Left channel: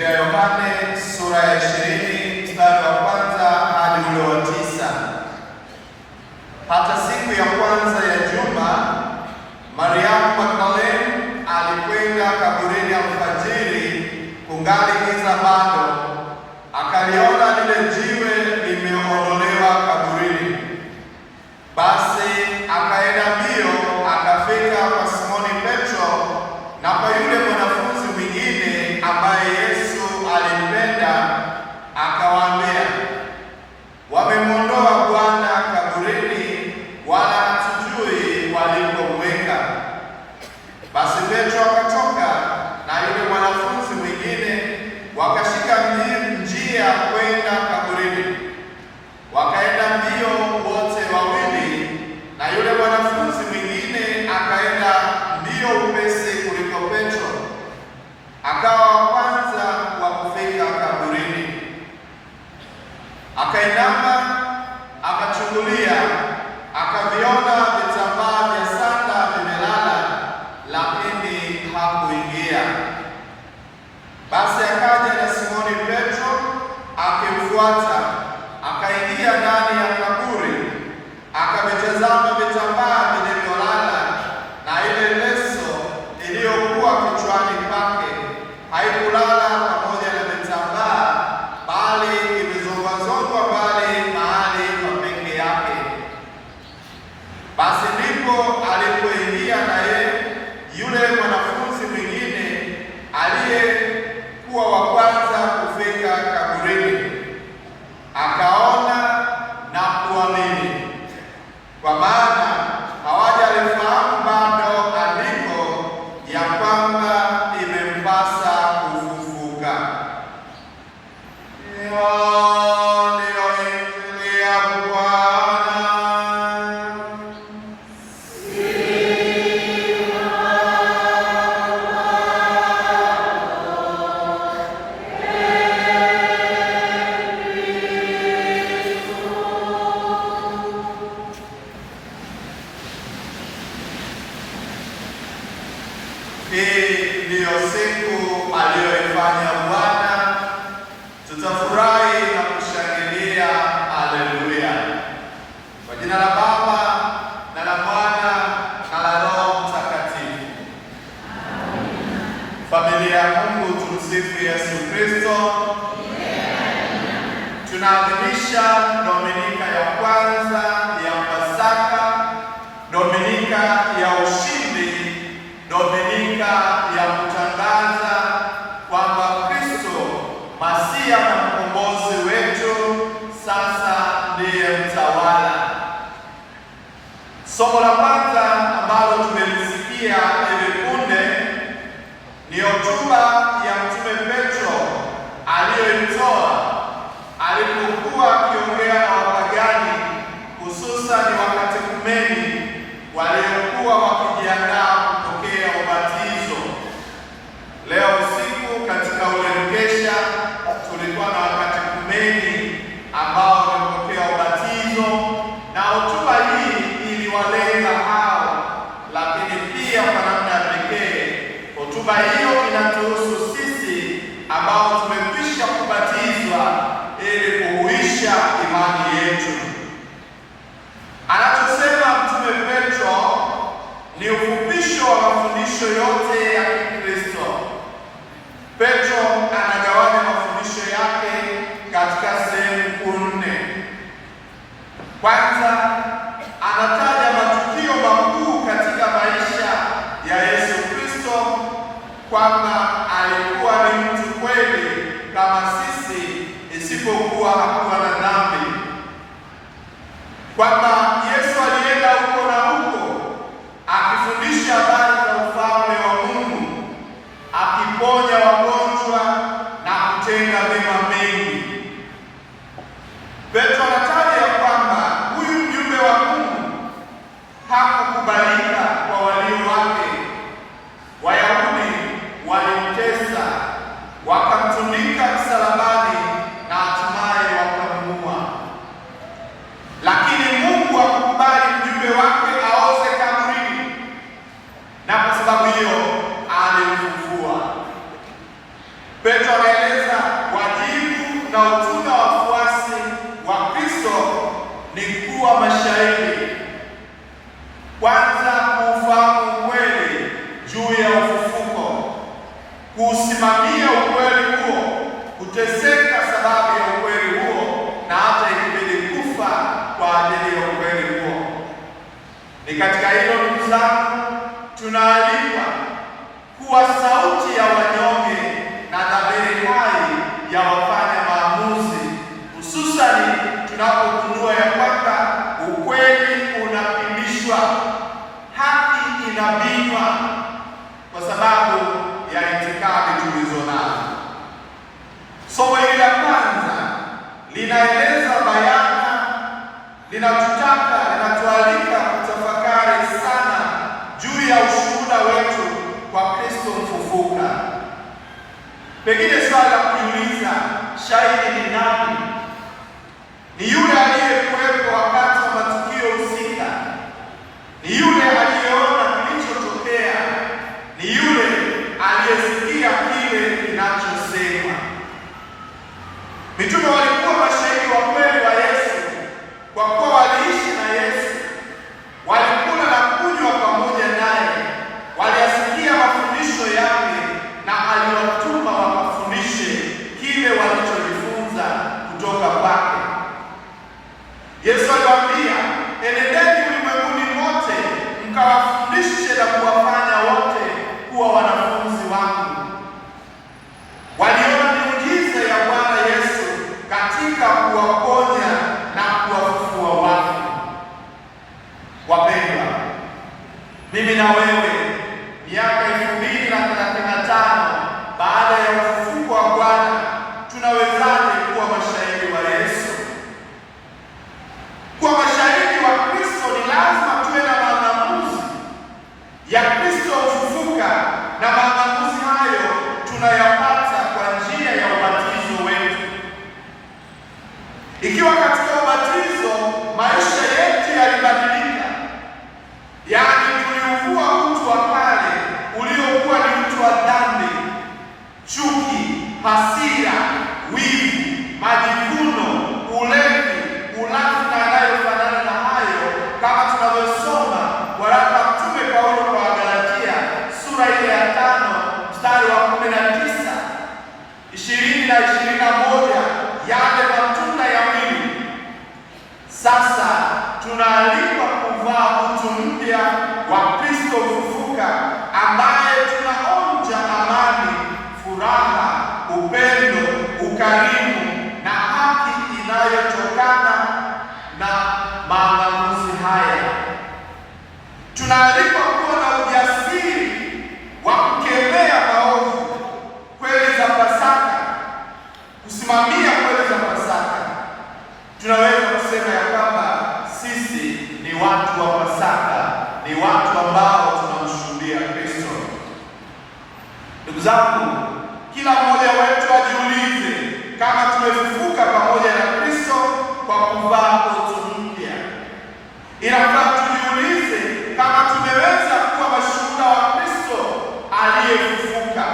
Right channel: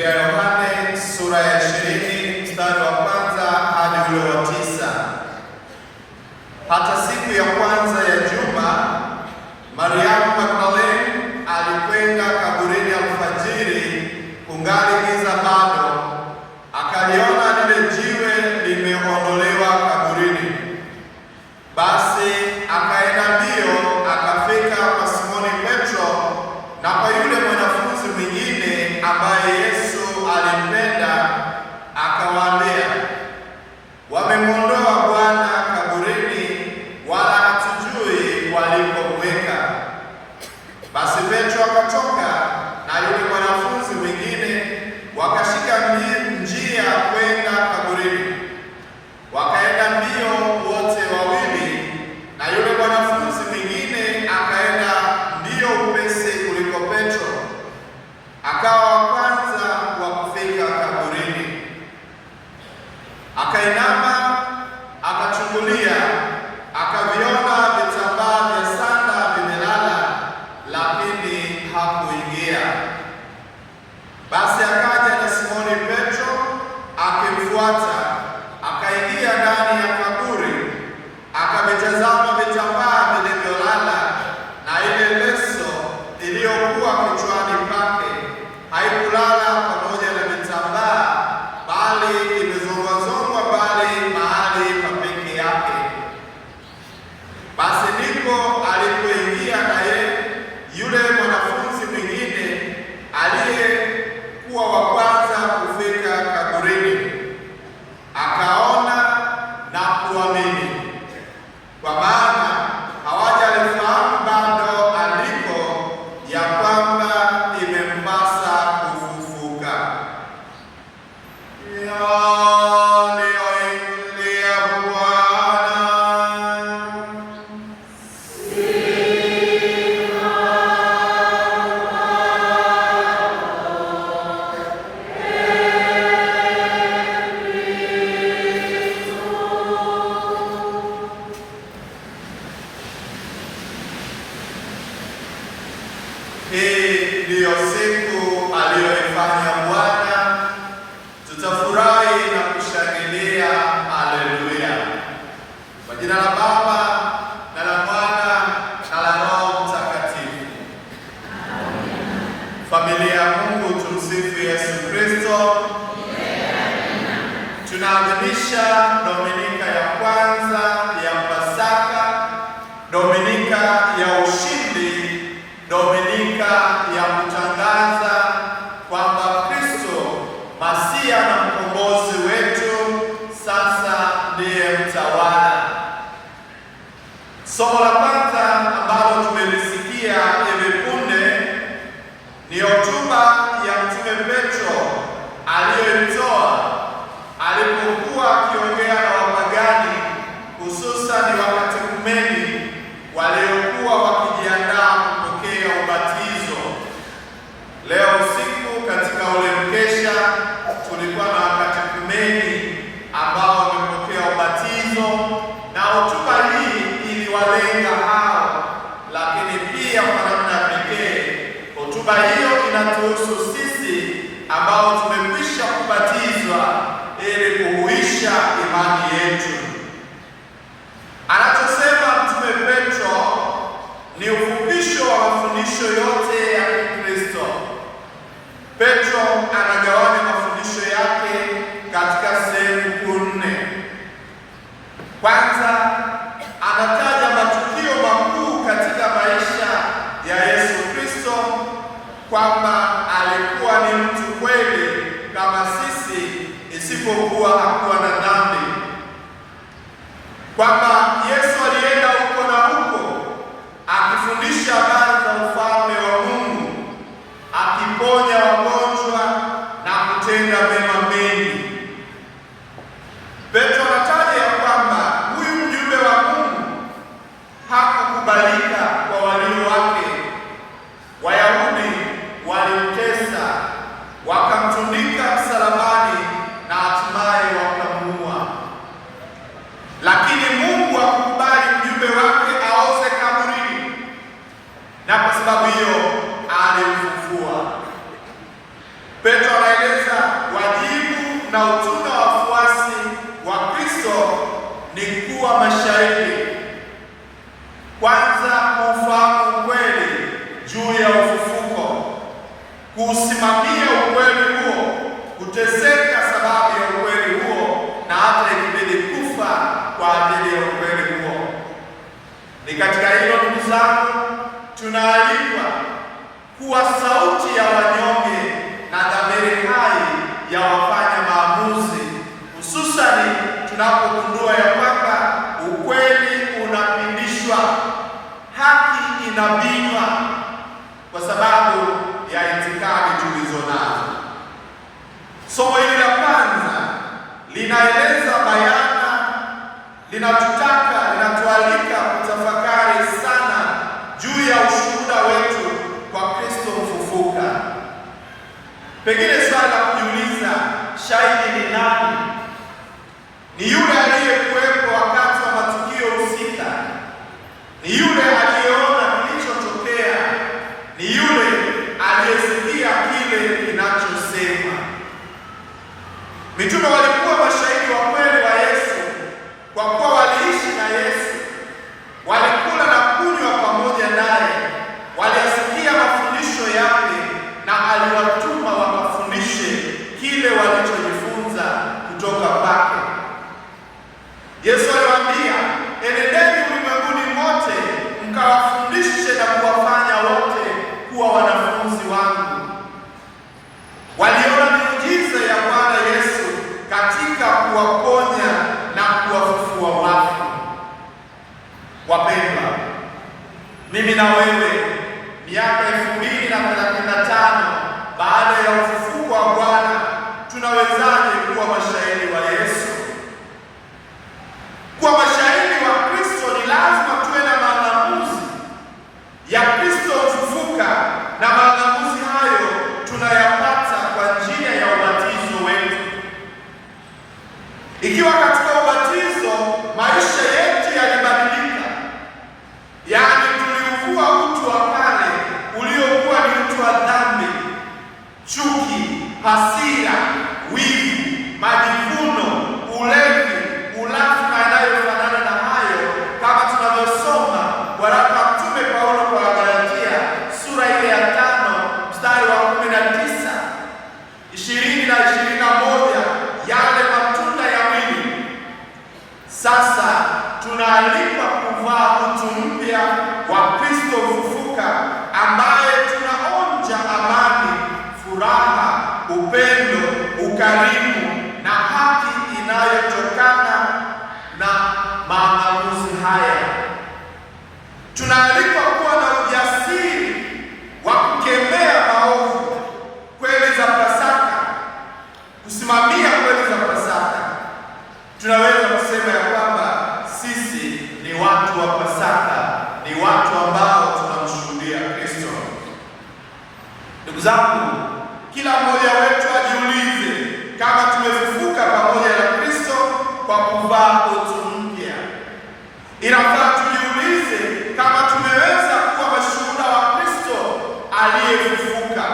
Injili ya Yohane sura ya 20 mstari wa kwanza hadi ule wa 9. Hata siku ya kwanza ya juma, Mariamu Magdalene alikwenda kaburini alfajiri kungali giza bado, akaliona lile jiwe limeondolewa kaburini. Basi akaenda mbio akafika kwa Simoni Petro na kwa yule mwanafunzi mwingine ambaye Yesu alimpenda, akawaambia, "Wamemwondoa Bwana kaburini, wala hatujui walipomweka." Basi Petro akatoka na yule mwanafunzi mwingine wakashika njia kwenda kaburini. Wakaenda mbio wote wawili, na yule mwanafunzi mwingine akaenda mbio upesi kuliko Petro, akawa wa kwanza wa kufika kaburini. Akainama, akachungulia, akaviona vitambaa vya sanda vimelala, lakini hakuingia. Basi akaja na Simoni Petro akimfuata, akaingia ndani ya kaburi, akavitazama vitambaa vilivyolala, na ile leso iliyokuwa kichwani pake haikulala pamoja na vitambaa, bali imezongwazongwa mbali mahali pa peke yake. Basi ndipo alipoingia naye yule mwanafunzi mwingine aliyekuwa wa kwanza kufika kaburini, akaona na kuamini, kwa maana hawajalifahamu bado andiko ya kwamba imempasa kufufuka. Ndiyo Injili ya Bwana. Hii ndiyo siku aliyoifanya Bwana, tutafurahi na kushangilia. Haleluya! Kwa jina la Baba na la Mwana na la Roho Mtakatifu. Familia ya Mungu, tumsifu Yesu Kristo. Tunaadhimisha Dominika ya kwanza ya Pasaka, Dominika ya ushindi, Dominika ya kutangaza kwamba Kristo Masia na mkombozi wetu sasa ndiye mtawala. Somo la kwanza ambalo tumelisikia hivi punde ni hotuba ya Mtume Petro aliyoitoa alipokuwa akiongea na wapagani, hususani wakatekumeni waliokuwa wakijiandaa kupokea ubatizo. Leo usiku katika ule mkesha tulikuwa na wakatekumeni ambao wamepokea ubatizo, na hotuba hii iliwalenga hao, lakini pia kwa namna pekee hotuba hiyo inatuhusu sisi ambao tumekwisha kubatizwa ili kuhuisha imani yetu. Anachosema Mtume Petro ni ufupisho wa mafundisho yote ya Kikristo. Petro anagawanya mafundisho yake katika sehemu kuu 4. Kwanza, anataja matukio makuu katika maisha ya Yesu Kristo, kwamba alikuwa ni mtu kweli kama sisi, isipokuwa hakuwa na dhambi, kwamba Yesu alienda huko na huko akifundisha habari za ufalme wa Mungu, akiponya wagonjwa na kutenda mema mengi. Petro anataja ya kwamba huyu mjumbe wa Mungu hakukubalika kwa walio wake. Wayahudi walimtesa, wakamtundika msalabani na hatimaye wakamuua. Lakini Mungu hakukubali mjumbe wake aoze kaburini, na kwa sababu hiyo alimfufua. Petro anaeleza wajibu na utume wa wafuasi wa Kristo ni kuwa mashahidi. Kwanza, kuufahamu ukweli juu ya ufufuko, kuusimamia ukweli huo, kuteseka sababu ya ukweli huo, na hata ikibidi kufa kwa ajili ya ukweli huo. Ni katika hilo, ndugu zangu, tunaalikwa kuwa sauti ya wanyonge na dhamiri hai ya wafanya maamuzi, hususani tunapogundua ya kwamba ukweli unapindishwa, haki inabinywa kwa sababu ya itikadi tulizo nazo. Somo hili la kwanza linaeleza bayana, linatualika kutafakari sana juu ya ushuhuda wetu kwa Kristo mfufuka. Pengine swali la kujiuliza, shahidi ni nani? Ni yule aliyekuwepo wakati wa matukio husika, ni yule aliyeona kilichotokea, ni yule aliyesikia kile kinachosema. Mitume walikuwa mashahidi wa kweli wa Yesu kwa kuwa waliishi na Yesu, walikula na kunywa pamoja naye, waliyasikia mafundisho yake na aliwatuma wakafundishe kile walichojifunza kutoka kwake. Yesu aliwaambia, enendeni ulimwenguni mote mkawafundishe na kuwafanya wote kuwa wanafunzi wangu. Waliona miujiza ya Bwana Yesu katika kuwaponya na kuwafufua wafu. Wapendwa, mimi na wewe, miaka 2035 baada ya ufufuko wa Bwana, tunawezaje kuwa mashahidi wa Yesu? Kuwa mashahidi wa Kristo ni lazima tuwe na maamuzi ya Kristo ufufuka, na maamuzi hayo tunayapata kwa njia ya ubatizo wetu. Ikiwa katika ubatizo maisha yetu yalibadilika, yaani tuliuvua utu wa kale uliokuwa ni utu wa dhambi, chuki, hasira, wivu, majivuno, ulevi, ulafi na yanayofanana na hayo, kama tunavyosoma waraka wa Mtume Paulo kwa Wagalatia sura ile ya 5 mstari wa 19, 20 na 21, yale matunda ya mwili. Sasa tunaalikwa kuvaa utu mpya wa Kristo ufufuka, ambaye tunaonja amani, furaha, upendo, ukarimu na haki inayotokana na maamuzi haya. Tunaalikwa kuwa na ujasiri wa kukemea maovu, kweli za Pasaka, kusimamia kweli za Pasaka. Tunaweza kusema ya kwamba sisi ni watu wa Pasaka, ni watu ambao tunamshuhudia Kristo. Ndugu zangu, kila mmoja wetu ajiulize kama tumefufuka pamoja na Kristo kwa kuvaa utu mpya. Inafaa tujiulize kama tumeweza kuwa mashuhuda wa Kristo aliyefufuka.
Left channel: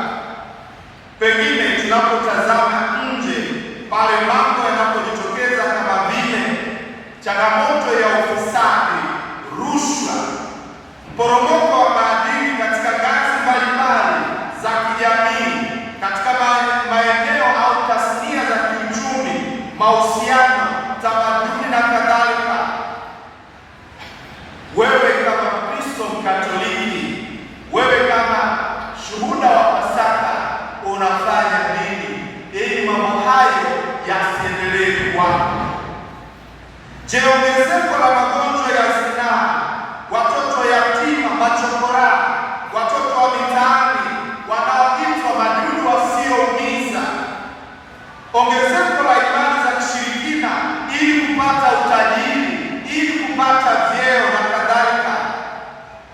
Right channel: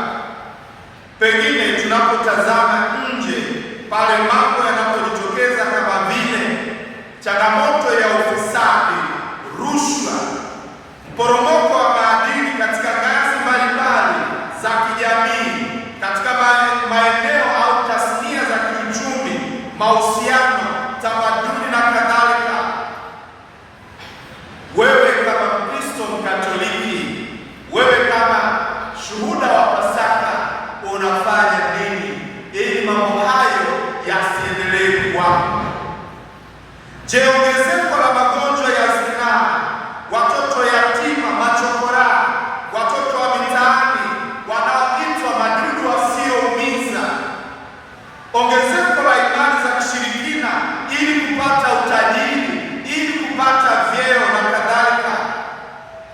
Pengine tunapotazama nje pale mambo yanapojitokeza kama vile changamoto ya ufisadi, rushwa, mporomoko wa maadili katika ngazi mbalimbali za kijamii, katika maeneo au tasnia za kiuchumi, mahusiano, tamaduni na kadhalika. Wewe kama Mkristo Mkatoliki, wewe kama shuhuda wa Pasaka, unafanya nini ili mambo hayo yasiendelee kuwapo? Je, ongezeko la magonjwa ya zinaa, watoto yatima, machokora, watoto wa mitaani wanaoitwa madudu wasioumiza, ongezeko la imani za kishirikina ili kupata utajiri, ili kupata vyeo na kadhalika,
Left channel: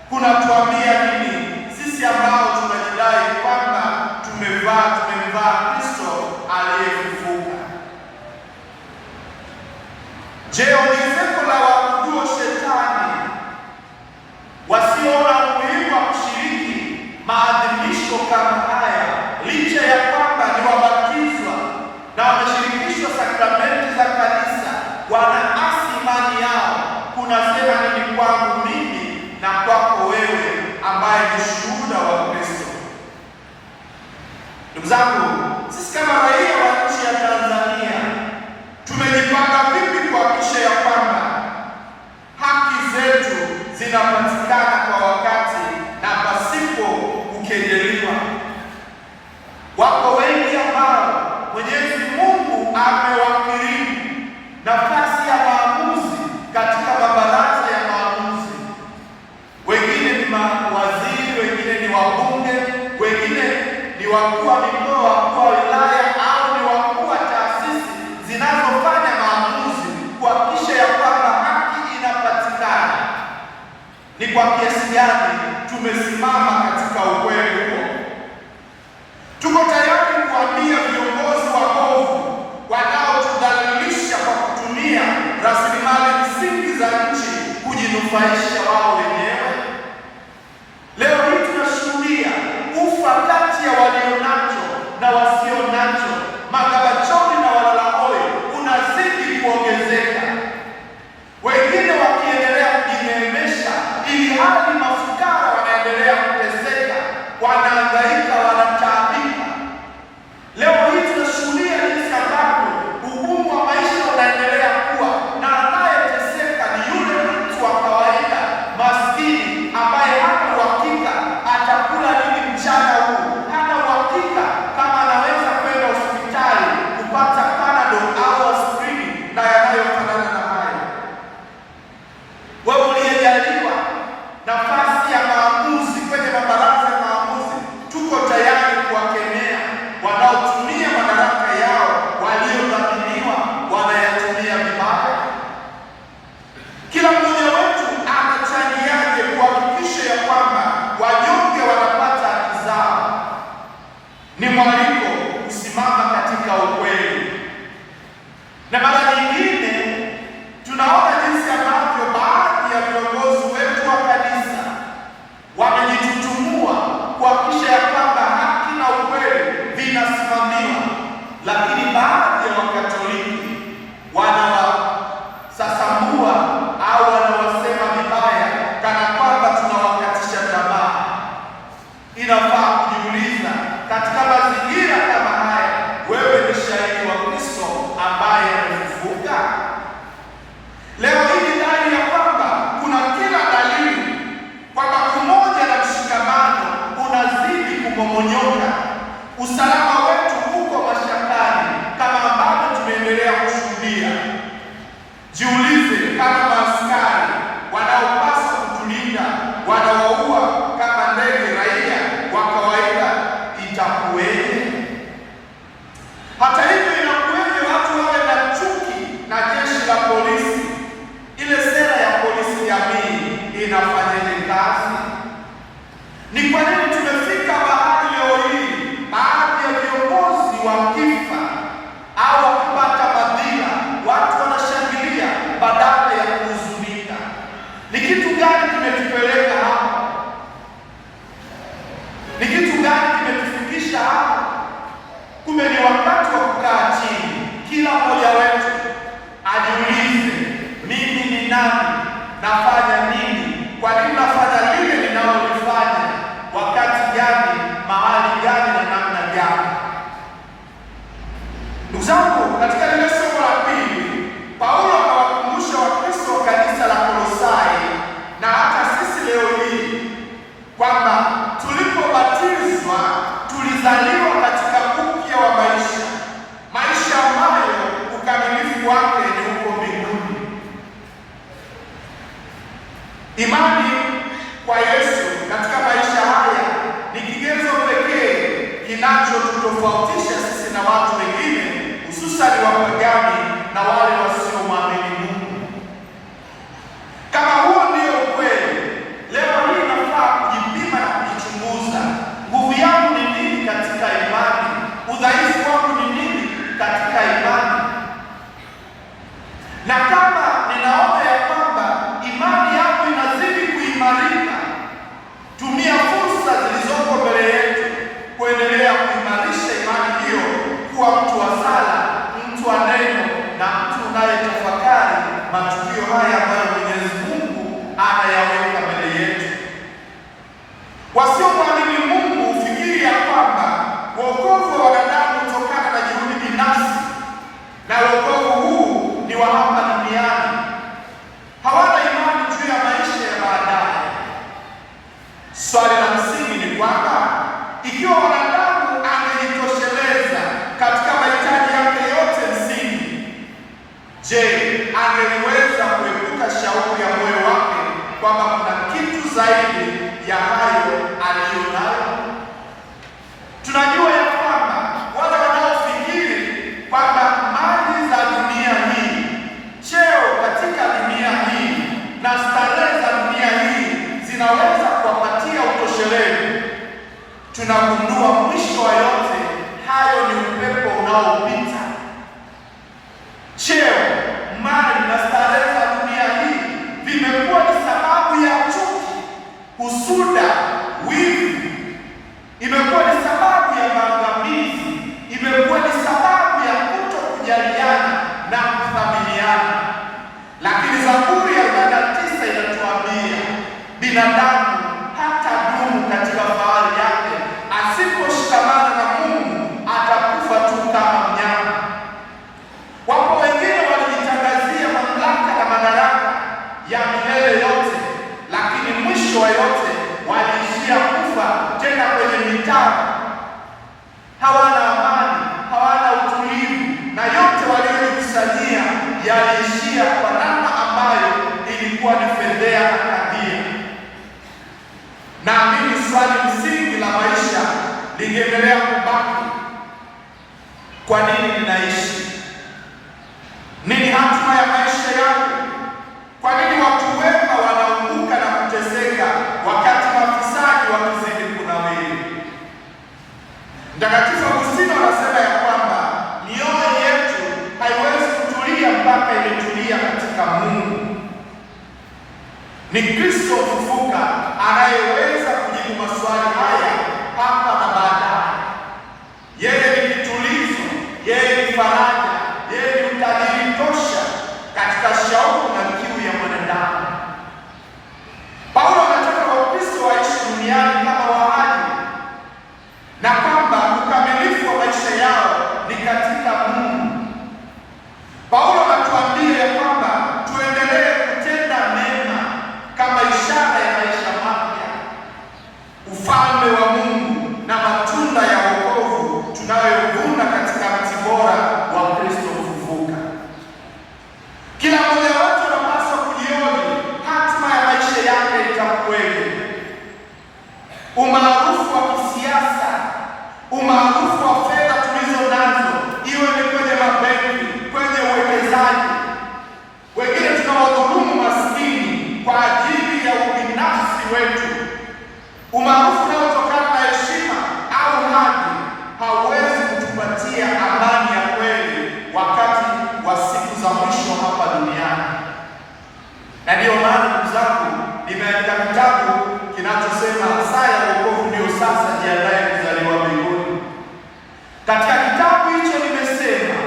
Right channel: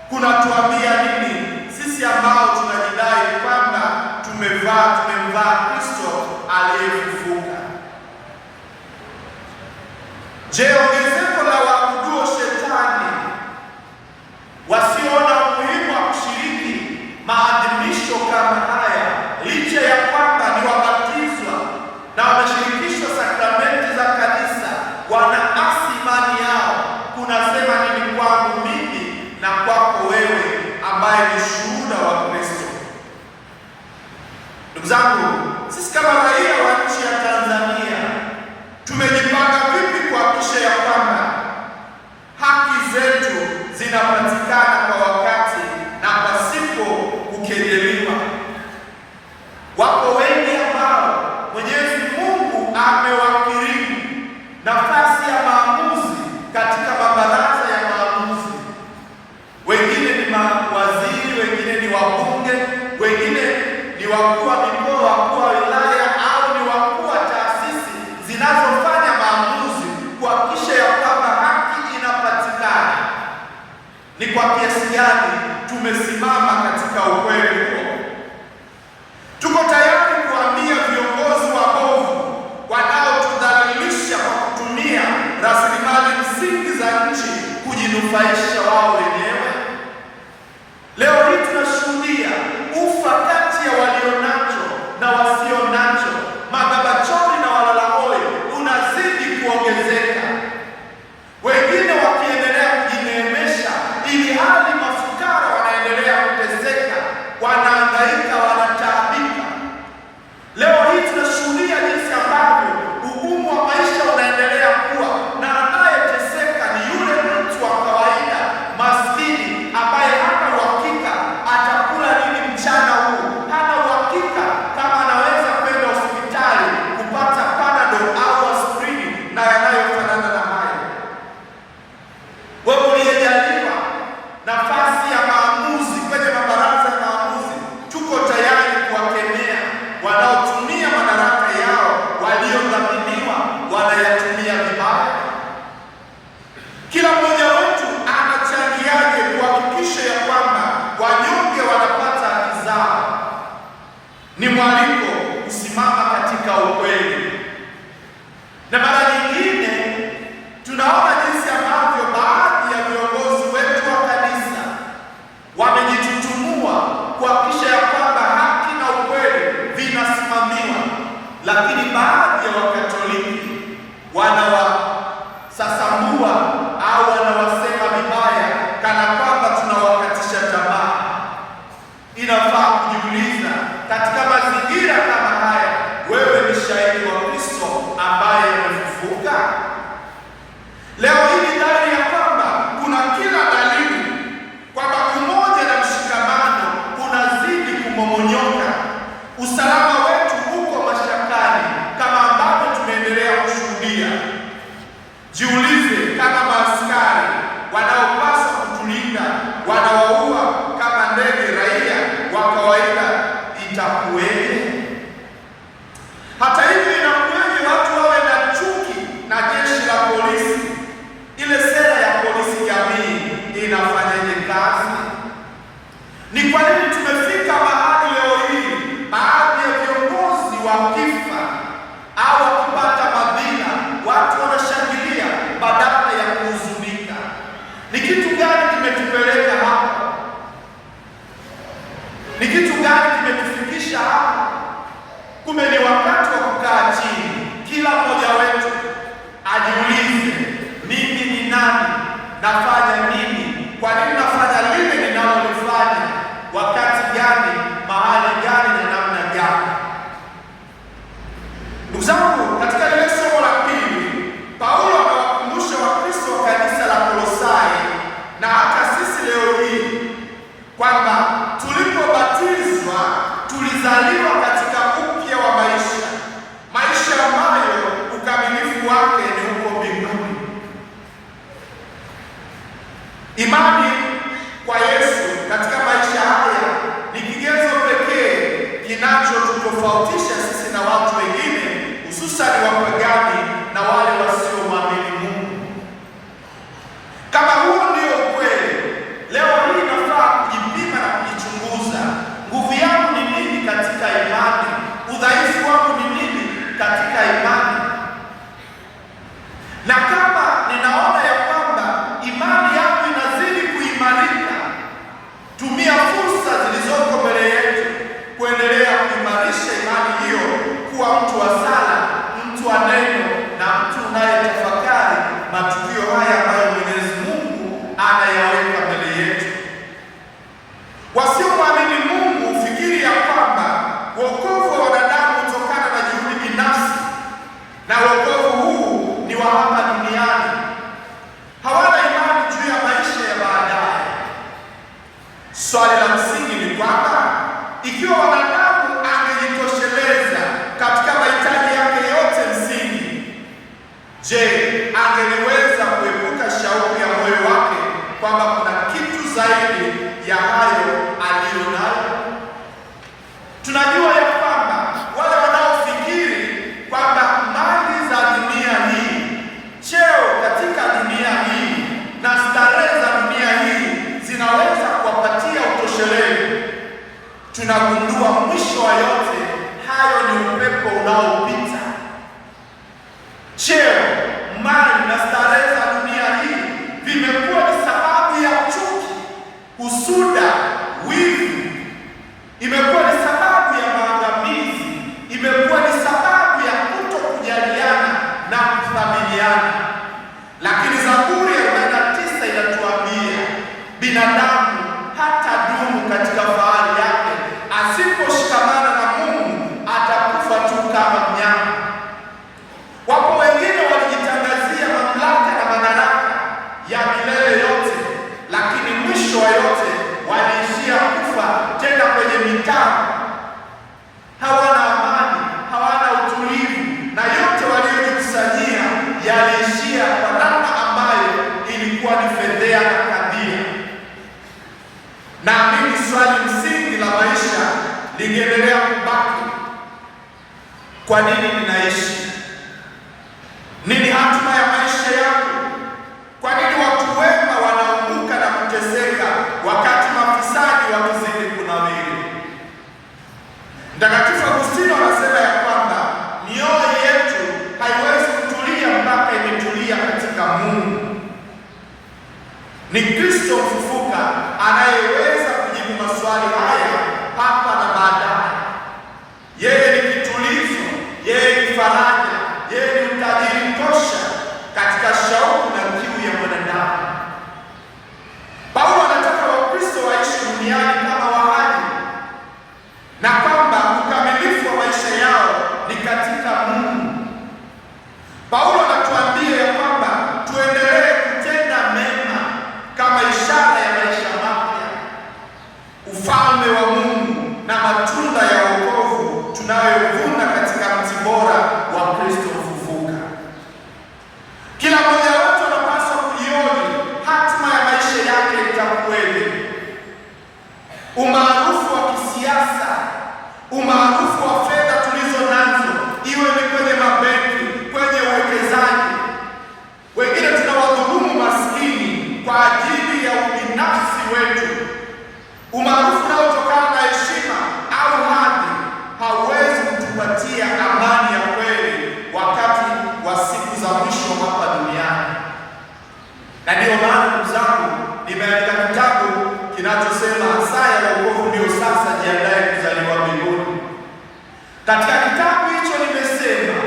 kunatuambia nini sisi ambao tunajidai kwamba tumemvaa Kristo aliyefufuka? Je, ongezeko la waabuduo shetani wasiona umuhimu wa kushiriki maadhimisho kama haya, licha ya kwamba ni Ndugu zangu, sisi kama raia wa nchi ya Tanzania tumejipanga vipi kuhakikisha ya kwamba haki zetu zinapatikana kwa wakati na pasipo kukejeliwa? Wapo wengi ambao Mwenyezi Mungu amewakirimu nafasi ya maamuzi katika mabaraza ya maamuzi. Wengine ni mawaziri, wengine ni wabunge, wengine ni wakuu wa mikoa, wakuu wa wilaya, au ni wakuu wa taasisi zinazofanya maamuzi kuhakikisha ya kwamba haki inapatikana. Ni kwa kiasi gani tumesimama katika ukweli huo? Tuko tayari kuambia viongozi wabovu wanaotudhalilisha kwa kutumia rasilimali msingi za nchi kujinufaisha wao wenyewe? Leo hii tunashuhudia ufa kati ya walio nacho na wasio nacho, magabachoni na walalahoi unazidi kuongezeka, wengine wakiendelea kujineemesha ili hali mafukara wanaendelea kuteseka, wanahangaika, wanataabika. Leo hii tunashuhudia jinsi ambavyo ugumu wa maisha unaendelea kuwa, na anayeteseka ni yule mtu wa kawaida maskini ambaye hana uhakika atakula nini mchana huu, hana uhakika kama anaweza kwenda hospitali kupata Panadol au aspirini na yanayofanana na hayo. Wewe uliyejaliwa nafasi ya maamuzi kwenye mabaraza ya maamuzi, tuko tayari kuwakemea wanaotumia madaraka yao waliodhaminiwa wanayatumia vibaya. Kila mmoja wetu anachangiaje kuhakikisha ya kwamba wanyonge wanapata haki zao? Ni mwaliko kusimama katika ukweli. Na mara nyingine tunaona jinsi ambavyo baadhi ya viongozi wetu wa kanisa wamejitutumua kuhakikisha ya kwamba haki na ukweli vinasimamiwa, lakini baadhi ya Wakatoliki wanawasasamua au wanawasema vibaya kana kwamba tunawakatisha tamaa. Inafaa kujiuliza, katika mazingira kama haya, wewe ni shahidi wa Kristo ambaye amefufuka? Leo hii ni dhahiri ya kwamba kuna kila dalili kwamba umoja na mshikamano unazidi kumomonyoka. Usalama wetu uko mashakani kama ambavyo tumeendelea kushuhudia. Jiulize, kama maaskari wanaopaswa kutulinda wanawaua kama ndege raia wa kawaida, itakuweje? Hata hivyo, inakuweje watu wawe na chuki na jeshi la polisi? Ile sera ya polisi jamii inafanyaje kazi? Ni kwa nini tumefika mahali leo hii baadhi ya viongozi wakifa au wakipata madhila watu wanashangilia badala ya kuhuzunika? Ni kitu gani kimetupeleka hapa? Ni kitu gani kimetufikisha hapa? Kumbe ni wakati wa kukaa chini, kila mmoja wetu ajiulize, mimi ni nani? Nafanya nini? Kwa nini nafanya lile ninalolifanya? Wakati gani? Mahali gani? na namna gani? Ndugu zangu, katika lile somo la pili, Paulo anawakumbusha Wakristo wa kanisa la Kolosai na hata sisi leo hii kwamba tulipobatizwa tulizaliwa katika upya wa maisha ambayo ukamilifu wake ni huko mbinguni. Imani kwa Yesu katika maisha haya ni kigezo pekee kinachotutofautisha sisi na watu wengine, hususani wapagani na wale wasiomwamini Mungu. Kama huo ndio ukweli, leo hii nafaa kujipima na kujichunguza. Nguvu yangu ni nini katika imani? Udhaifu wangu ni nini katika imani? Na kama ninaona ya kwamba imani yangu inazidi kuimarika, tumia fursa zilizoko mbele yetu kuendelea kuimarisha imani hiyo, kuwa mtu wa sala, mtu wa neno na mtu unayetafakari matukio haya ambayo Mwenyezi Mungu anayaweka mbele yetu. Wasiomwamini Mungu hufikiri ya kwamba wokovu hawana amani, hawana utulivu, na yote waliojikusanyia yaliishia kwa namna ambayo ilikuwa ni fedheha na kadhia. Naamini swali msingi la maisha lingeendelea kubaki: kwa nini ninaishi? Nini hatima ya maisha yangu? Kwa nini watu wema wanaumbuka na kuteseka wakati mafisadi wakizidi kunawiri? Mtakatifu Agustino anasema ya kwamba mioyo yetu haiwezi kutulia mpaka imetulia katika Mungu. Ni Kristo mfufuka anayeweza kujibu maswali haya hapa na baadaye. Yeye ni kitulizo, yeye ni faraja, yeye ni utajiri tosha katika shauku na kiu ya mwanadamu. Paulo anataka Wakristo waishi duniani kama wahali, na kwamba ukamilifu wa maisha yao ni katika Mungu. Paulo anatuambia ya kwamba tuendelee kutenda mema kama ishara ya maisha mapya, ufalme wa Mungu na matunda ya wokovu tunayovuna katika mti bora wa Kristo mfufuka. Kila mmoja wetu anapaswa kujioni hatima ya maisha yake itakuwaje. Umaarufu wa kisiasa, umaarufu wa fedha tulizo nazo, iwe ni kwenye mabenki, kwenye uwekezaji. Wengine tunawadhulumu maskini kwa ajili ya ubinafsi wetu. Umaarufu unaotokana na heshima au hadhi hauwezi kutupatia amani ya kweli wakati wa siku za mwisho hapa duniani. Na ndiyo maana ndugu zangu, nimeandika kitabu kinachosema saa ya wokovu ndio sasa, jiandae kuzaliwa mbinguni. Katika kitabu hicho nimesema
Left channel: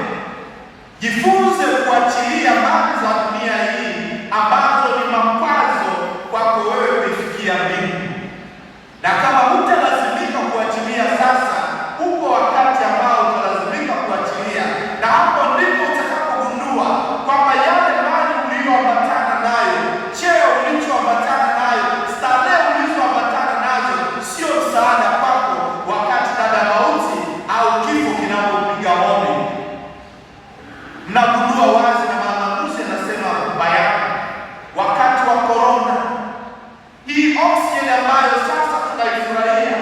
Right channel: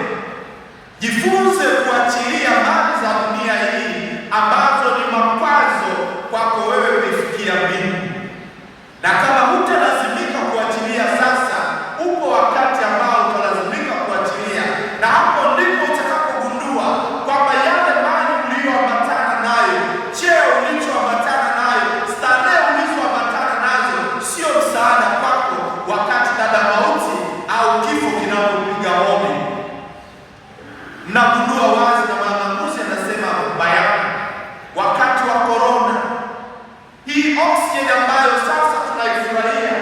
jifunze kuachilia mali za dunia hii ambazo ni makwazo kwako wewe kufikia mbingu. Na kama hutalazimika kuachilia sasa, upo wakati ambao utalazimika kuachilia, na hapo ndipo utakapogundua kwamba yale mali uliyoambatana nayo, cheo ulichoambatana nayo, starehe ulizoambatana nazo sio msaada kwako wakati dada mauti au kifo kinapopiga hodi. Mnagundua wazi, na Mwanamke anasema bayana, wakati wa korona hii oksijeni ambayo sasa tunaifurahia,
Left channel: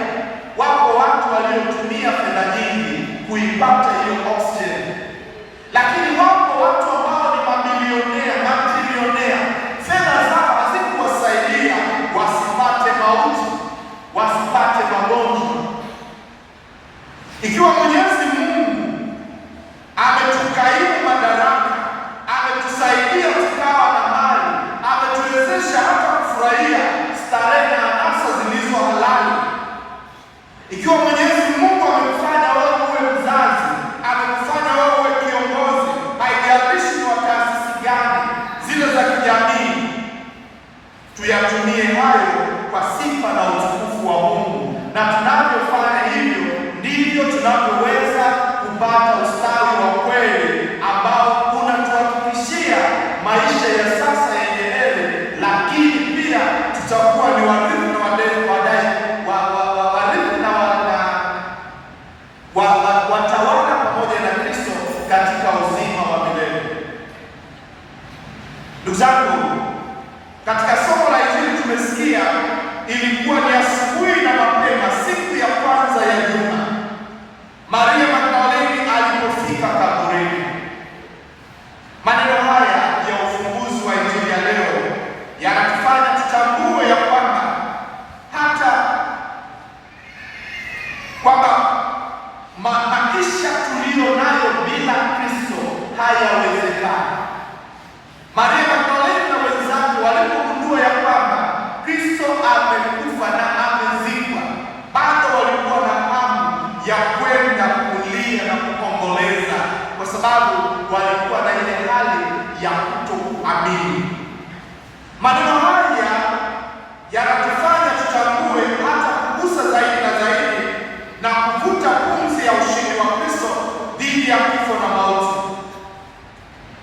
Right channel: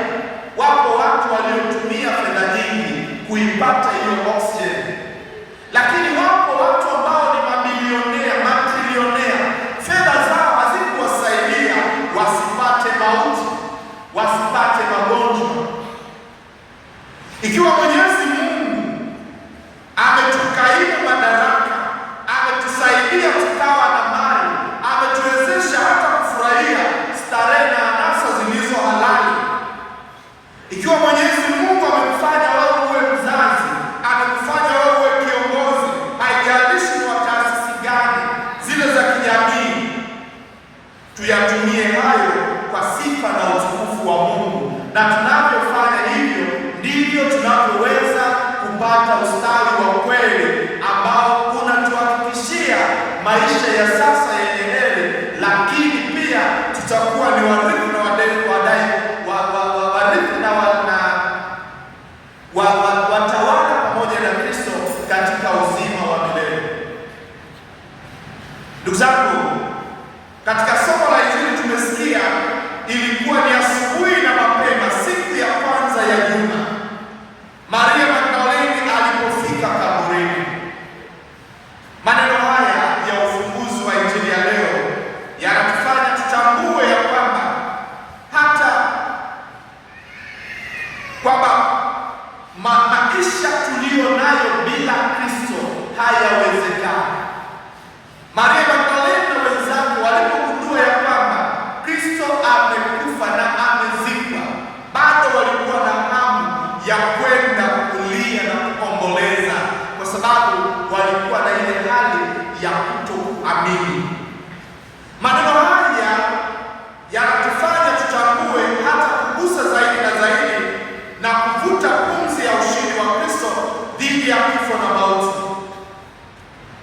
wapo watu waliotumia fedha nyingi kuipata hiyo oksijeni, lakini wapo watu ambao ni mabilionea, matrilionea, fedha zao hazikuwasaidia wasipate mauti, wasipate magonjwa. Ikiwa Mwenyezi Mungu ametukaimu madaraka, ametusaidia tukawa na mali, ametuwezesha hata kufurahia starehe na anasa zilizo halali. Ikiwa Mwenyezi Mungu amekufanya wewe uwe mzazi, amekufanya wewe uwe kiongozi, haijalishi ni wa taasisi gani zile za kijamii, tuyatumie hayo kwa sifa na utukufu wa Mungu, na tunavyofanya hivyo ndivyo tunavyoweza kupata ustawi wa kweli ambao unatuhakikishia maisha ya sasa yenye heri, lakini pia tutakuwa ni warithi na watawala pamoja na Kristo katika uzima wa milele. Ndugu zangu, katika somo la Injili tumesikia ilikuwa ni asubuhi na mapema, siku ya kwanza ya juma, Maria Magdalene alipofika kaburini. Maneno haya ya ufunguzi wa Injili ya leo yanatufanya tutambue ya kwamba hata kwamba maisha tuliyo nayo bila Kristo hayawezekani. Maria Magdalene na wenzake walipogundua ya kwamba Kristo amekufa na amezikwa, bado walikuwa na hamu ya kwenda kulia na kuomboleza, kwa sababu walikuwa na ile hali ya kutokuamini. Maneno haya yanatufanya tutambue hata kugusa zaidi na zaidi na kuvuta pumzi ya ushindi wa Kristo dhidi ya kifo na mauti.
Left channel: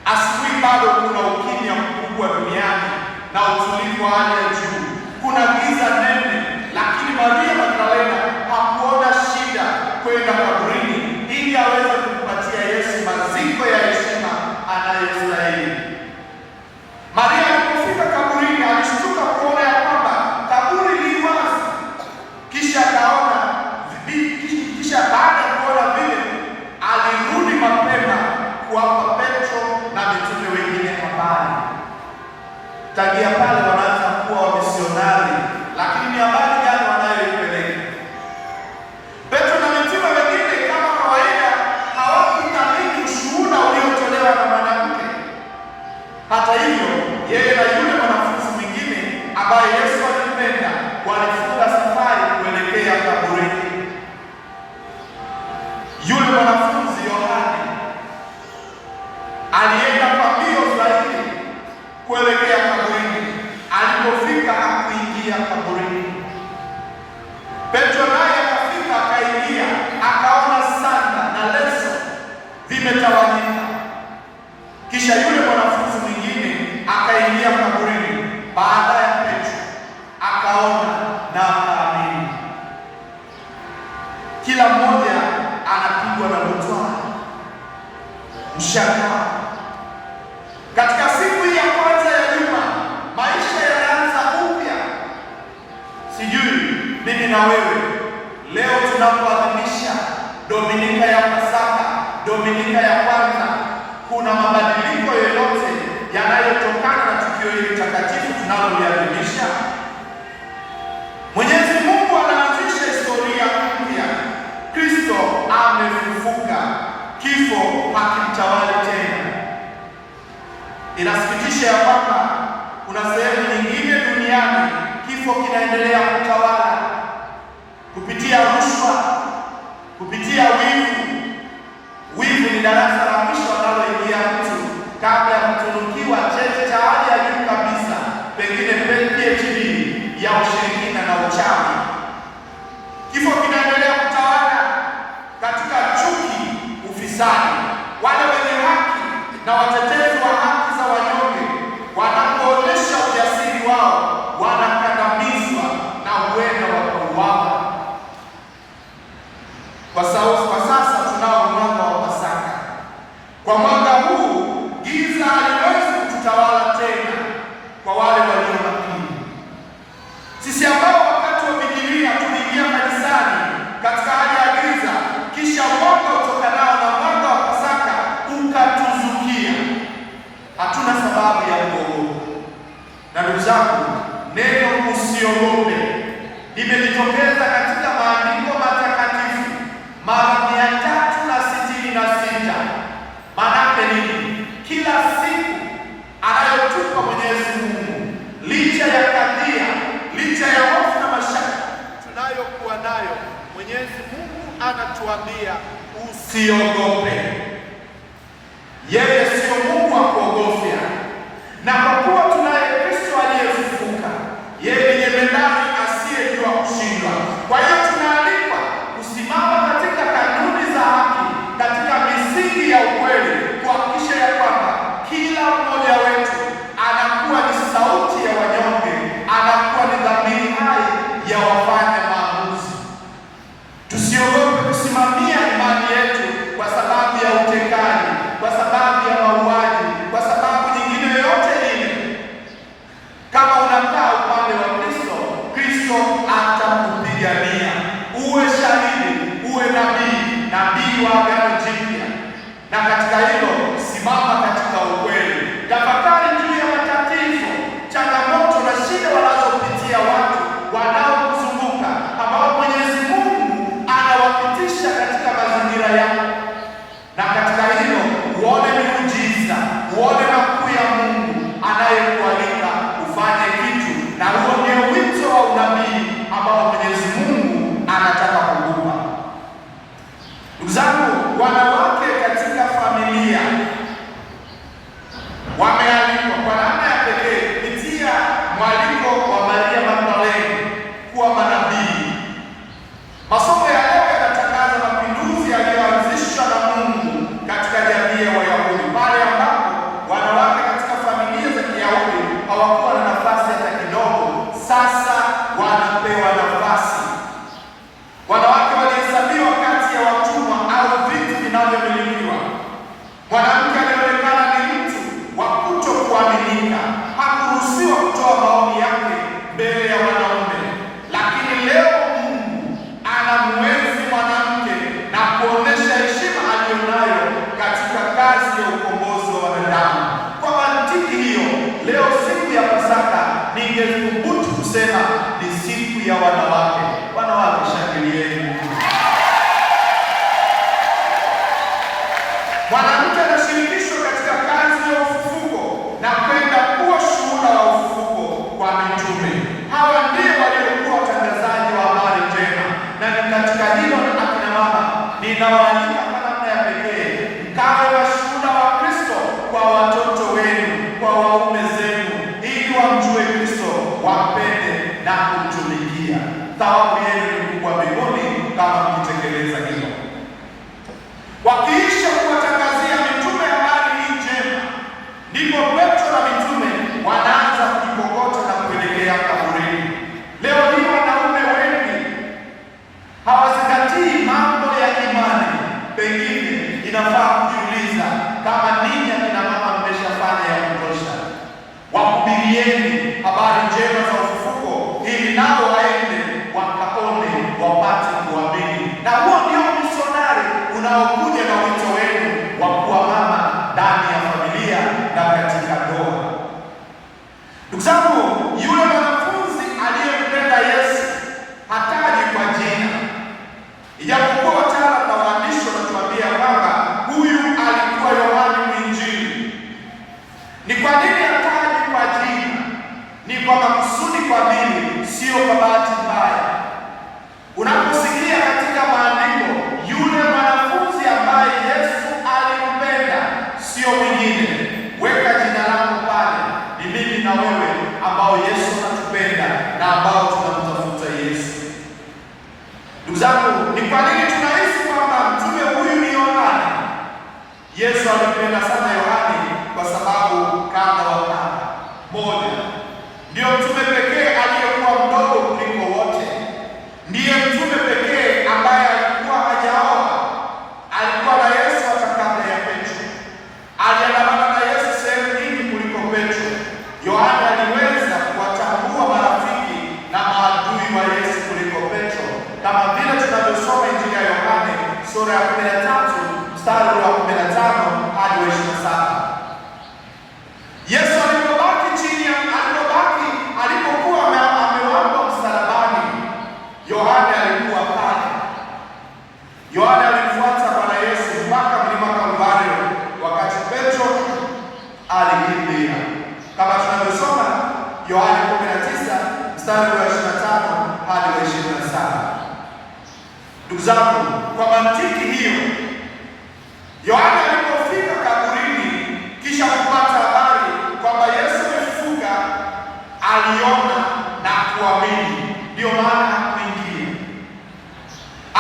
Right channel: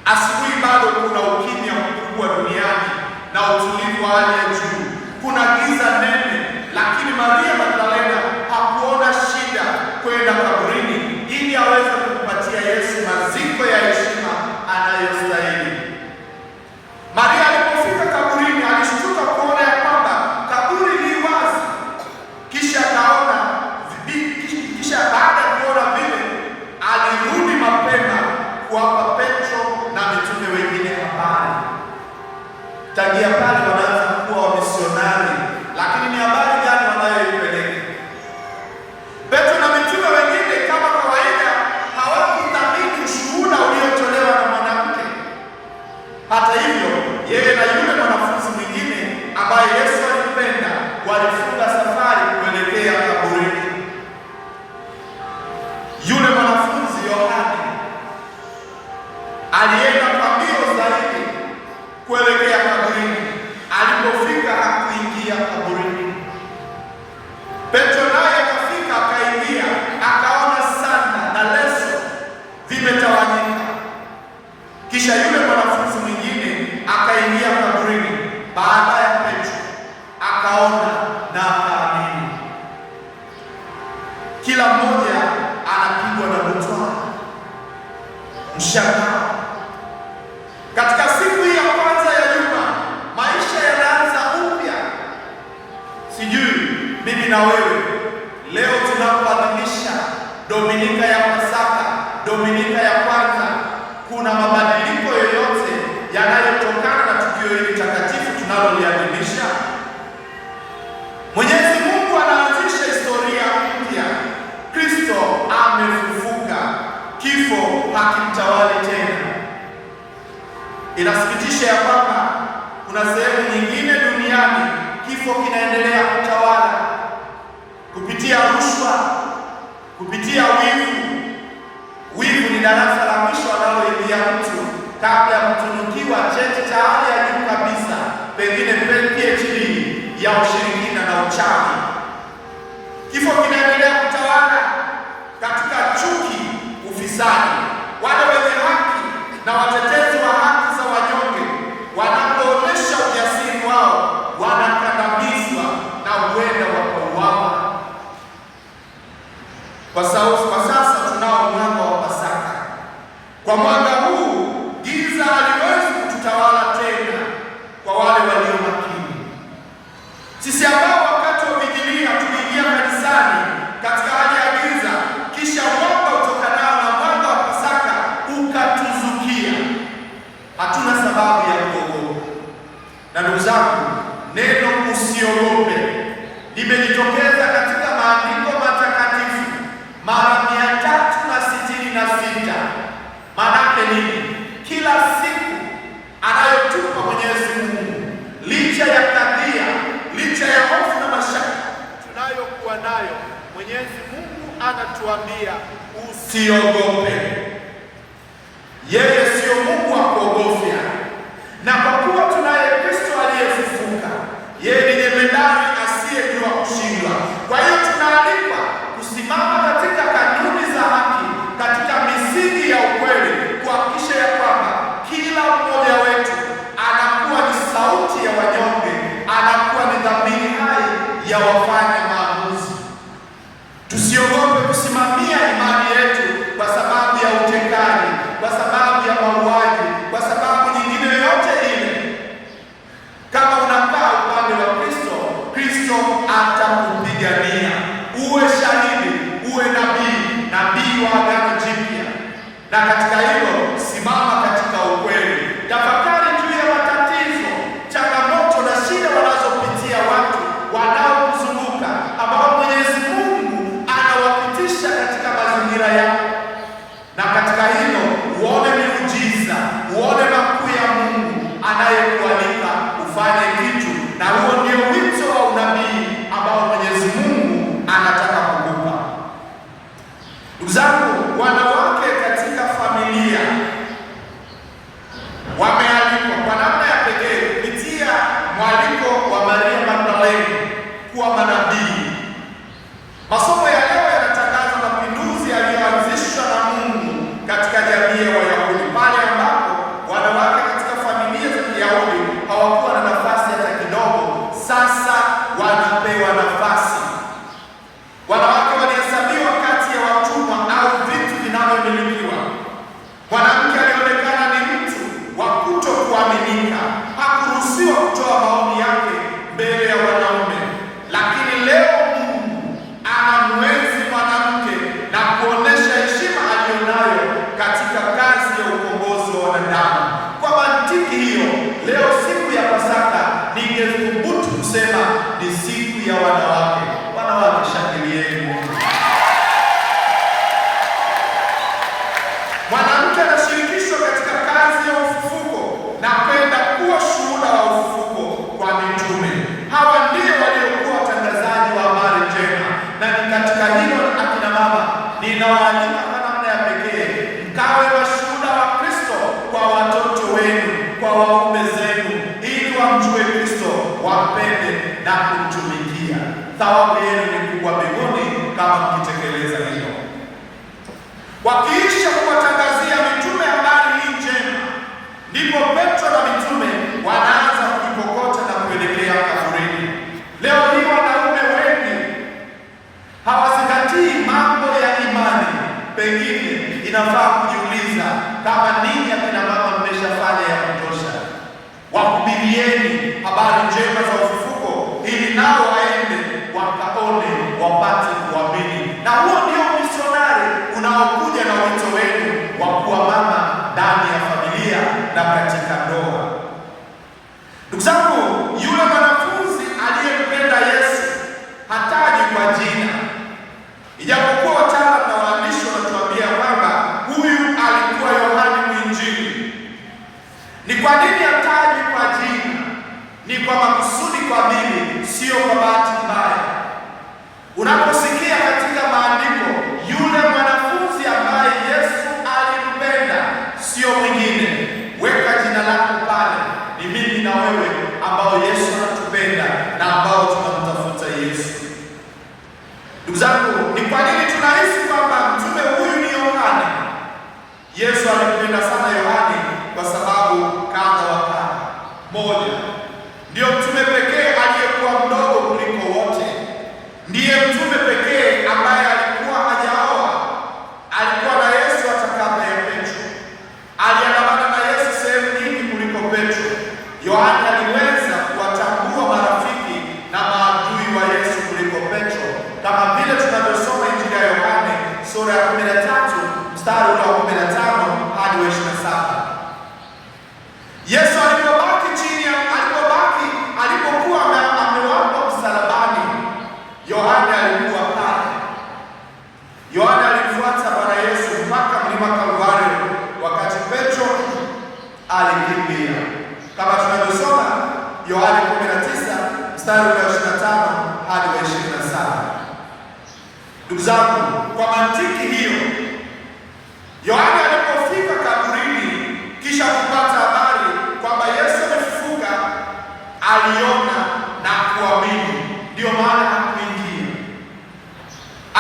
Asubuhi bado kuna ukimya mkubwa duniani na utulivu wa hali ya juu. Kuna giza nene, lakini Maria Magdalena hakuona shida kwenda kaburini kuwapa Petro na mitume wengine habari. Tangia pale wanaanza kuwa wamisionari, lakini ni habari gani wanayoipeleka? Petro na mitume wengine kama kawaida hawakuthamini ushuhuda uliotolewa na mwanamke. Hata hivyo, yeye na yule mwanafunzi mwingine ambaye Yesu alimpenda walifunga safari kuelekea kaburini. Yule mwanafunzi Yohane alienda kwa mbio zaidi kuelekea kaburini. Alipofika hakuingia kaburini. Petro naye akafika, akaingia, akaona sanda na leso vimetawanyika. Kisha yule mwanafunzi mwingine akaingia kaburini baada ya Petro, akaona na akaamini. Kila mmoja anapigwa na butwaa, mshangao. Katika siku hii ya kwanza ya juma, maisha yanaanza upya. Sijui mimi na wewe leo tunapoadhimisha Dominika ya Pasaka, Dominika ya kwanza, kuna mabadiliko yoyote yanayotokana na tukio hili takatifu tunaloliadhimisha? Mwenyezi Mungu anaanzisha historia mpya. Kristo amefufuka, kifo hakimtawali tena. Inasikitisha ya kwamba kuna sehemu nyingine duniani kifo kinaendelea kutawala kupitia rushwa, kupitia wivu. Wivu ni darasa la mwisho analoingia mtu kabla ya kutunukiwa cheti cha hali ya juu kabisa, pengine PhD ya ushirikina na uchawi. Kifo kinaendelea kutawala katika chuki, ufisadi. Wale wenye haki na watetezi wa haki za wanyonge wanapoonyesha ujasiri wao wanakandamizwa na huenda wakauawa. Kwa sasa tunao mwanga wa Pasaka. Kwa mwanga huu giza haliwezi kututawala tena kwa wale walio makini. Sisi ambao wakati wa vigilia tuliingia kanisani katika hali ya giza, kisha mwanga utokanao na mwanga wa Pasaka ukatuzukia, hatuna sababu ya kuogopa. Na ndugu zangu, neno usiogope limejitokeza katika maandiko matakatifu mara 366. Maanake nini? Kila siku anayotupa Mwenyezi Mungu, licha ya kadhia, licha ya hofu na mashaka tunayokuwa nayo, Mwenyezi Mungu anatuambia usiogope. Yeye sio Mungu wa kuogofya, na kwa kuwa tunaye Kristo aliyefufuka, yeye ni jemedari asiyejua kushindwa. Kwa hiyo tunaalikwa kusimama katika kanuni za haki, katika misingi ya ukweli, kuhakikisha ya kwamba kila mmoja wetu anakuwa ni sauti ya wanyonge, anakuwa ni dhamiri hai ya wafanya maamuzi. Tusiogope kusimamia imani yetu kwa sababu ya utekaji, kwa sababu ya mauaji, kwa sababu nyingine yoyote ile. Kama unakaa upande wa Kristo, Kristo atakupigania. Uwe shahidi, uwe nabii wa Agano Jipya, na katika hilo simama katika ukweli. Tafakari juu ya matatizo, changamoto na shida wanazopitia watu wanaokuzunguka, ambao Mwenyezi Mungu anawapitisha katika mazingira yao, na katika hilo uone miujiza, uone makuu ya Mungu anayekualika ufanye kitu, na huo ndio wito wa unabii ambao Mwenyezi Mungu anataka kukupa. Ndugu zangu, wanawake katika familia wamealikwa kwa namna ya pekee kupitia mwaliko wa Maria Magdalene kuwa manabii. Masomo ya leo yanatangaza mapinduzi yaliyoanzishwa na Mungu katika jamii ya Wayahudi, pale ambapo wanawake katika familia za Kiyahudi hawakuwa na nafasi hata kidogo. Sasa wanapewa nafasi. Wanawake walihesabiwa kati ya watumwa au vitu vinavyo Mwanamke anashirikishwa katika kazi ya ufufuko na kwenda kuwa shuhuda wa ufufuko kwa mitume. Hawa ndio waliokuwa watangazaji wa habari njema, na ni katika hilo, akina mama, ninawaalika kwa namna ya pekee mkawe washuhuda wa Kristo kwa watoto wenu, kwa waume zenu, ili wamjue Kristo, wampende na kumtumikia. Thawabu yenu ni kubwa mbinguni kama mkitekeleza hilo. Wakiisha kuwatangazia mitume habari hii njema, ndipo Petro na mitume wanaanza kujikokota na kuelekea kaburini. Leo hii wanaume wengi hawazingatii mambo ya imani. Pengine inafaa kujiuliza kama ninyi akina mama mmeshafanya ya kutosha. Wahubirieni habari njema za ufufuko ili nao waende wakaone, wapate kuamini. Na huo ndio misionari unaokuja na wito wenu wa kuwa mama ndani ya familia na katika ndoa. Ndugu zangu, yule mwanafunzi aliyempenda Yesu hataji kwa jina, ijapokuwa wataalamu na waandishi wanatuambia kwamba huyu alikuwa Yohana Mwinjili. Ni kwa nini hataji kwa jina? Ni kwa makusudi, kwa dini, sio kwa bahati mbaya. Unaposikia katika maandiko yule mwanafunzi ambaye Yesu alimpenda, sio mwingine, weka jina lako pale. Ni mimi na wewe ambao Yesu anatupenda na ambao tunamtafuta Yesu. Ndugu zangu, ni kwa nini tunahisi kwamba mtume huyu ni Yohana? Yesu alimpenda sana Yohana kwa sababu kadha wa kadha. Moja, ndio mtume pekee aliyekuwa mdogo kuliko wote. Ndiye mtume pekee ambaye alikuwa hajaoa. Alikuwa na Yesu hata kabla ya Petro. Aliandamana na Yesu sehemu nyingi kuliko Petro. Yohana aliweza kuwatambua marafiki na maadui wa Yesu kuliko Petro, kama vile tunavyosoma Injili ya Yohana sura ya 13 mstari wa 15 hadi 27. Yesu alipokuwa amewekwa msalabani, Yohana alikuwa pale. Yohana alifuata Bwana Yesu mpaka mlima Kalvari, wakati Petro alikimbia, kama tunavyosoma Yohana 19 mstari wa 25 hadi 27. Ndugu zangu, kwa mantiki hiyo, Yohana alipofika kaburini kisha kupata habari kwamba Yesu amefufuka, aliona na kuamini. Ndio maana hakuingia.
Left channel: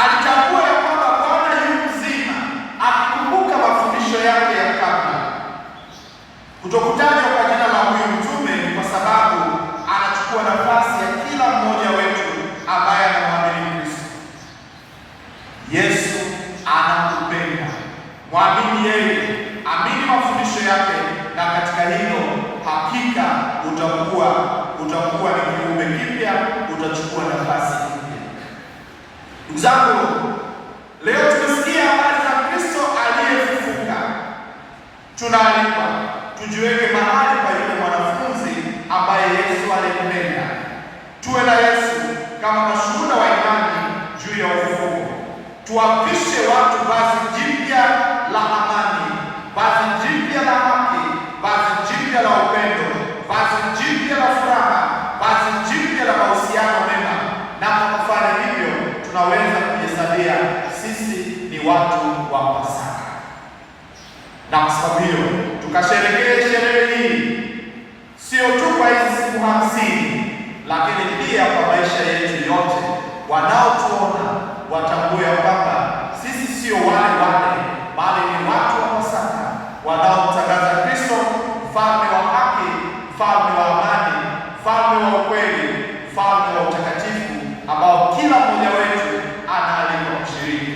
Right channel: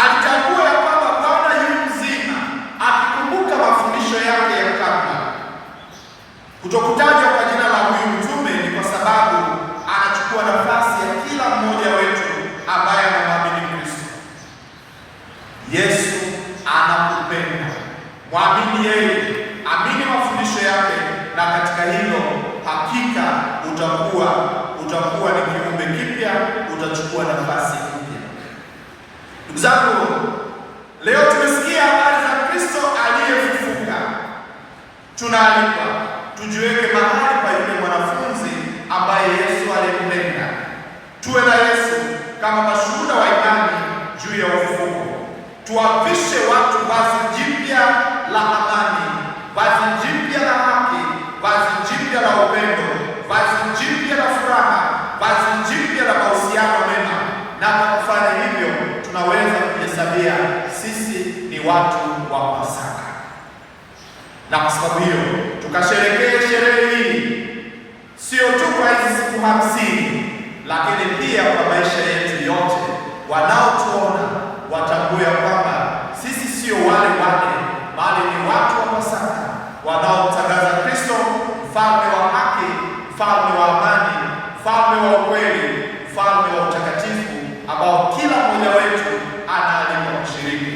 Alitambua ya kwamba Bwana yu mzima, akikumbuka mafundisho yake ya kabla. Kutokutajwa kwa jina la huyu mtume ni kwa sababu anachukua nafasi ya kila mmoja wetu ambaye anamwamini Kristo. Yesu anakupenda. Mwamini yeye, amini mafundisho yake, na katika hilo hakika utakuwa ni kiumbe kipya, utachukua nafasi mpya. Ndugu zangu, leo tumesikia habari za Kristo aliyefufuka. Tunaalikwa tujiweke mahali pa yule mwanafunzi ambaye Yesu alimpenda. Tuwe na Yesu kama mashuhuda wa imani juu ya ufufuko. Tuwavishe watu vazi jipya la amani, vazi jipya la haki, vazi jipya la upendo, vazi jipya la furaha, vazi jipya la mahusiano mema. Na kwa kufanya hivyo, tunaweza kujihesabia sisi ni watu wa Pasaka. Na kwa sababu hiyo, tukasherekee sherehe hii sio tu kwa hizi siku 50, lakini pia kwa maisha yetu yote. Wanaotuona watambue kwamba sisi sio wale bali ni watu wa Pasaka wanaomtangaza Kristo, mfalme wa haki, mfalme wa amani, mfalme wa ukweli, mfalme wa utakatifu, ambao kila mmoja wetu anaalikwa kushiriki.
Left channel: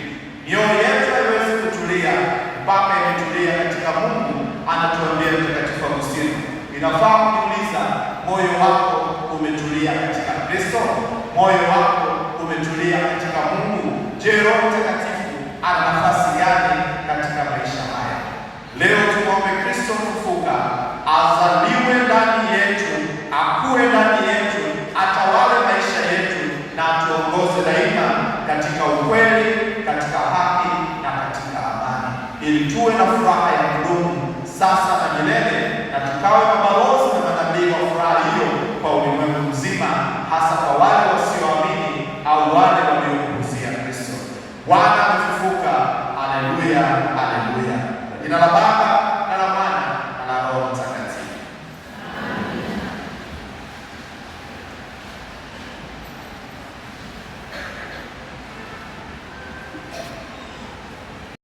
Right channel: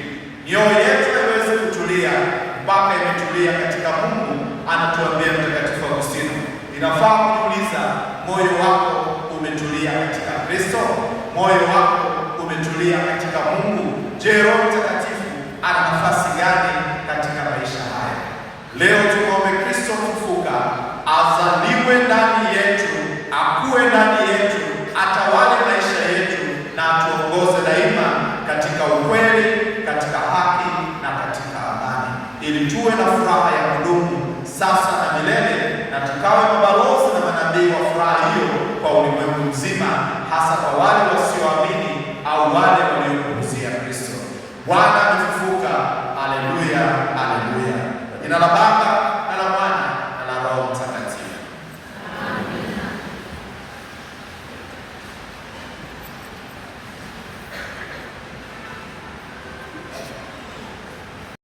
Mioyo yetu haiwezi kutulia mpaka imetulia katika Mungu. Anatuambia Mtakatifu Agustino, inafaa kuuliza, moyo wako umetulia katika Kristo? Moyo wako umetulia katika Mungu? Je, Roho Mtakatifu ana nafasi gani katika maisha haya? Leo tuombe Kristo mfufuka azaliwe ndani yetu, akue ndani yetu, atawale maisha yetu na atuongoze daima katika ukweli, katika haki na katika amani. ili tuwe na furaha